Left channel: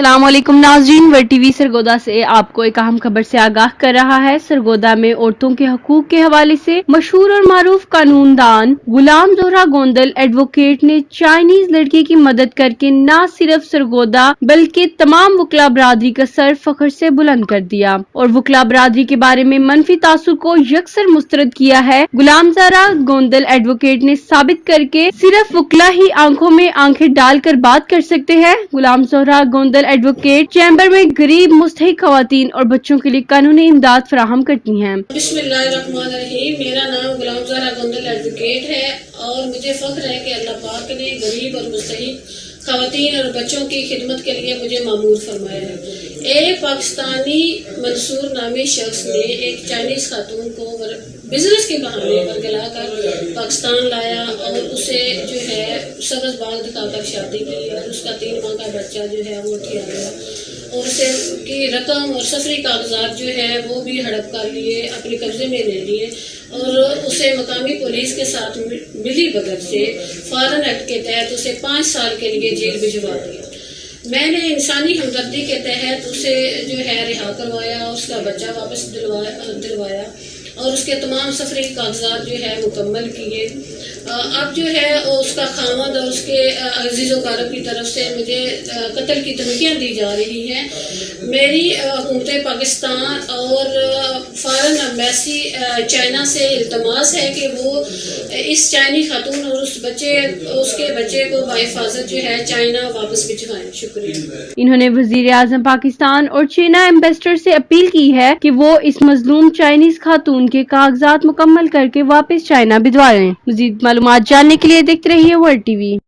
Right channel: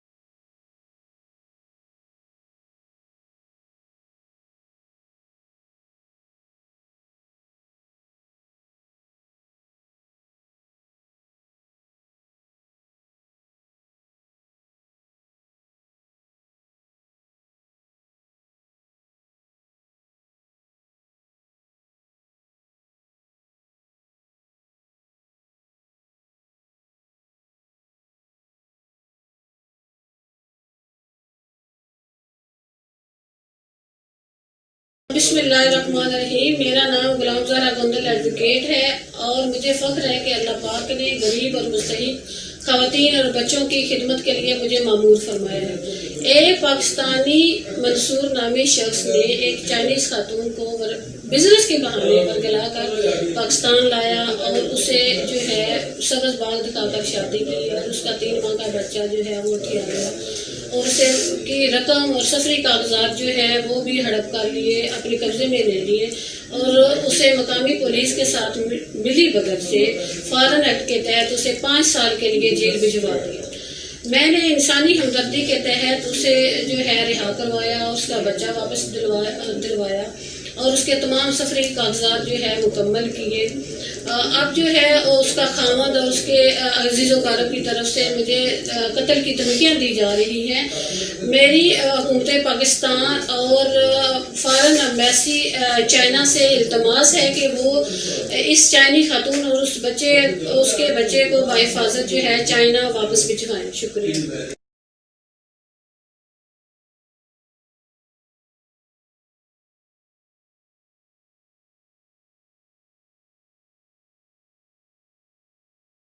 अस्सलाम वालेकुम नाज़रीन, वर्ल्ड टीवी सरगोदा से आपको एक अहम खबर से आगाह कर रहा है। सरगोदा में औरतों के हकूक के हवाले से मशहूर और मारूफ कानूनदान गुलाम जोहरा गोंदल एडवोकेट ने चाइनीज लड़की की मदद करके न सिर्फ सरगोदा बल्कि तमाम वकला बरादरी का सर फख्र से बुलंद कर दिया और वकला बरादरी के बारे में मनफी तासुर को यकसर मुस्तरद किया है। गुलाम जोहरा गोंदल एडवोकेट ने साबित करके सिर्फ वकला ही आंखों में आंखें डालकर बात कर सकते हैं। गुलाम जोहरा गोंदल एडवोकेट चैम्बर में गरीब मुस्तहिक खवातीन और बच्चों के लिए कानूनी इमदाद फराहम करती हैं। बिस्मिल्लाहिर्रहमानिर्रहीम। मेरा नाम गुलाम जोहरा गोंदल एडवोकेट है और मुझे फख्र है कि अल्लाह पाक ने गरीब और मुस्तहिक खवातीन और बच्चों की खिदमत के लिए मुझे मामूर फरमाया है। एक पाकिस्तानी मंसूर नामी शख्स ने एक चाइनीज खातून को बिजनेस के बहाने बरगला कर पाकिस्तान लाया और उसे जो है सबज बाग दिखाकर शादी की और उसका 3 माह का बच्चा जो है वो आ गया और उसे की रकम और सफरी कागजात जो है वो भी हड़प कर लिए, अपने कब्जे में ले लिए और उसे मकामी पुलिस के साथ मिली भगत से फॉरेन एक्ट के तहत उसे 5 साल के लिए जेल भिजवा दिया। मैंने इंसानी हमदर्दी के तहत उसे जो है रिहा करवाया और उसका बच्चा वापस दिलवाया और उसके तमाम सफरी कागजात जो है मुकम्मल किए। अब जो है उसका खामद और उसके अजीज़ व कारब की तरफ से मुझे कत्ल की धमकियाँ दी जा रही हैं। मेरी हुकूमत पाकिस्तान और फॉरेन एम्बेसी चाइना से इल्तमास है कि वो इस चाइनी खातून और उसके बच्चे को बाहिफाजत जो है चाइना वापस भिजवाएं। शुक्रिया। इन्होंने वजीर आजम पाकिस्तान और चाइना एम्बेसडर से अपील की है कि वो इस मजलूम चाइनीज खातून के कागजात मुकम्मल करके वापस चाइना भिजवाएं। मजीद मालूमात जानने के लिए देखते रहिए वर्ल्ड टीवी।